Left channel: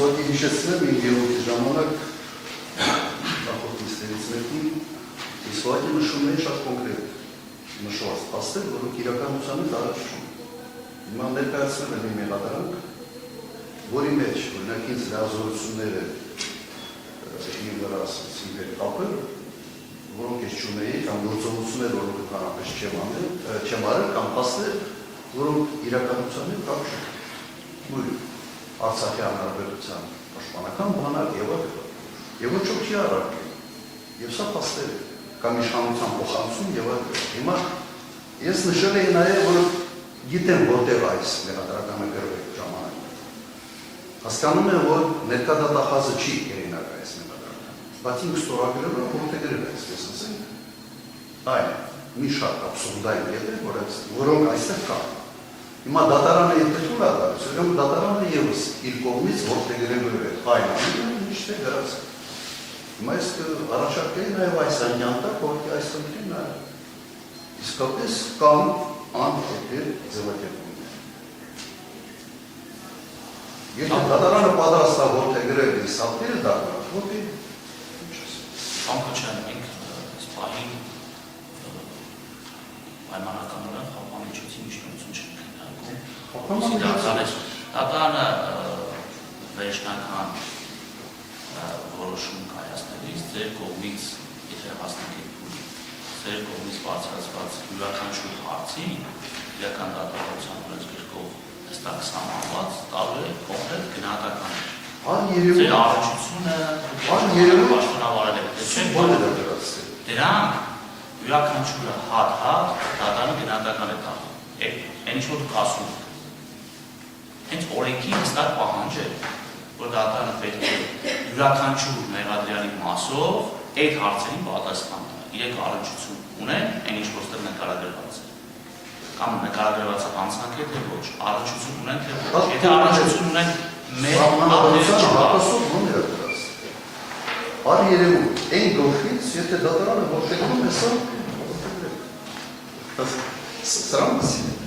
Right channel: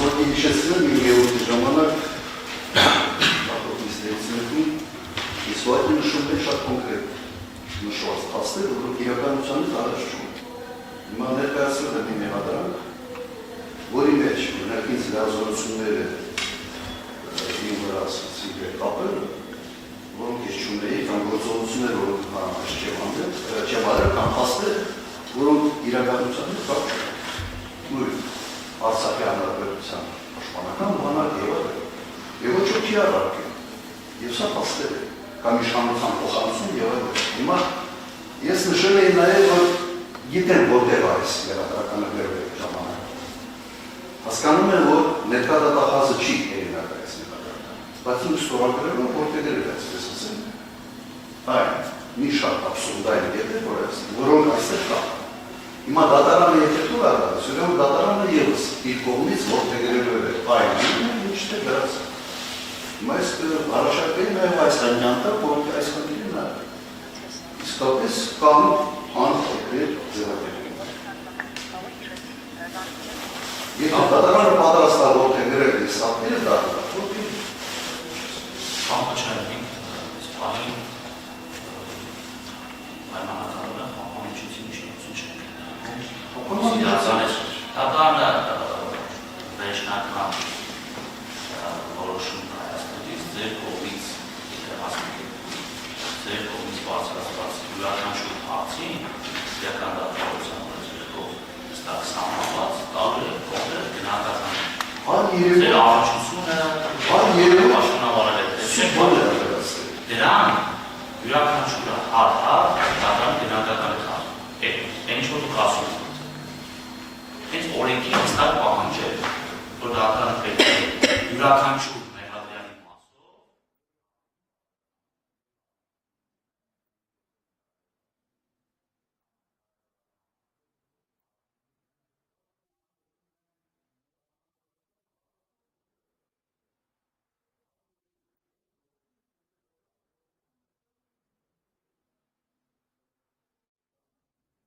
Սովետի հիշեցնեմ իմ եորդի ժամանակ Իսվայտը նշում է շատ կոնկրետ նշված փաստեր, որոնք իրականությունից առաջ չուն։ Հիմա ներկայացրել եմ իմ մեղադրանք, որի մեջ մենակ ինձ լիազորությունները իմ վրա տապել, որոնք ես չունեի, կամ գործողություններ, որոնք կանանց չեմ արել, կամ փաստեր, որոնք իրականությունից կապ չունեն։ Նույն Արցախի հանրապետության պաշտպանական բանակ եւ ոչ ոքի առարկե։ Եվ սա փաստեր է, կամ իշխանության փոխանցում եւ այլն։ Հիմա ես նշել էի նաեւ, որ գիտեմ որտեղ այս մեղադրականը գրվել է ժամանակ։ Հասկանում եմ, որ ներկա դատախազը չի հեղինակ այս մեղադրականը, բայց ինձ ստորագրել եմ, որտեղ գրվել է այսպես ասեմ։ Այն մի շատ աբսուրդային կետեր, որոնք այստեղ կան։ Հիմա դատարանը եթե դուր ադարս, ուրեմն դատարանը եւս իր կողմից որտեղ գրվել է այն ինչ է գրած։ Հիմա ես առաջարկել նաև այս այնյանտը, որտեղ այս խնդիրն է։ Իսկապես կան անփոփոխ ձևակերպում։ Եթե դատարանը պատրաստ է որտեղ գրել է սապերը դատարան, որտեղ Համաչարին սպահին պայմանականորեն համաչեցին իշխանություն չենք։ Դատարանը վերջնական որոշում կայացնելիս ձեր կողմից, եթե հասնեք ձեր կողմից բարձրացված յուրաքանչյուր հարցին իրական դատավորության ունեցող ստակ սահմանված կարող է կոնկրետ գնահատական ձեր առնչությունը պաշտոնավարել է դրան յուրաքանչյուրը հատ դատարան գնահատական է կազմում այն ինչ որ դուք ասում եք հենց օրենքի հստակ պահանջել որ դատարանը պետք է յուրաքանչյուր մեղադրյալի մասով այդ հարցերին պատասխան տա։ Իրենք առնչություն ունեն այն ինչ որ ստեղ նկարագրված է։ Կամ նկարագրված է անձնակետ թե ոչ, առնչություն ունեն թե ոչ։ Եթե առնչություն ունեն մեր համանadrության հատասով ո՞ւմ է դրած։ Արի երևում, այն գլխից, եթե դատարանը որոշում է սա, սրան մասին է։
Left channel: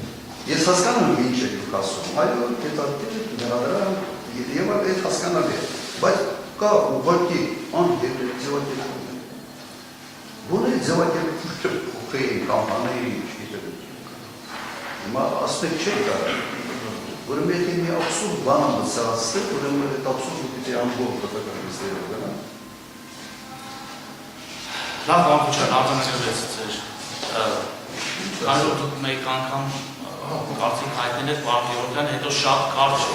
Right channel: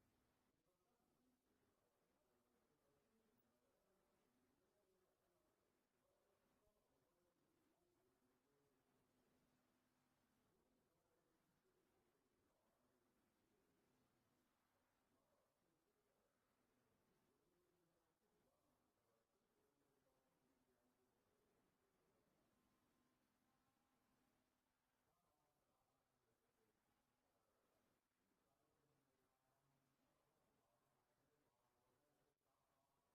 Ես հասկանում եմ ինչ է դուք ասում, այո, հետարքել մեղադրան եւ այդ հասկանալի է, բայց կա ուղղակի ձևակերպում։ Ո՞ր է ձևակերպումը փոխեին կամպանիայի չգիտեմ։ Հիմա ասպետ չէ կարող։ Ուրեմն եթե մի աբսուրդ բան մտածել, ուրեմն այդ աբսուրդը պիտի ամբողջ դատականիստերը գնա։ Լավ բանջան արտանետվեց ձեր։ Կարող դուք մեկ անգամ կարծիք հայտնել եք Վարդյորյան, հետո շատ կարճ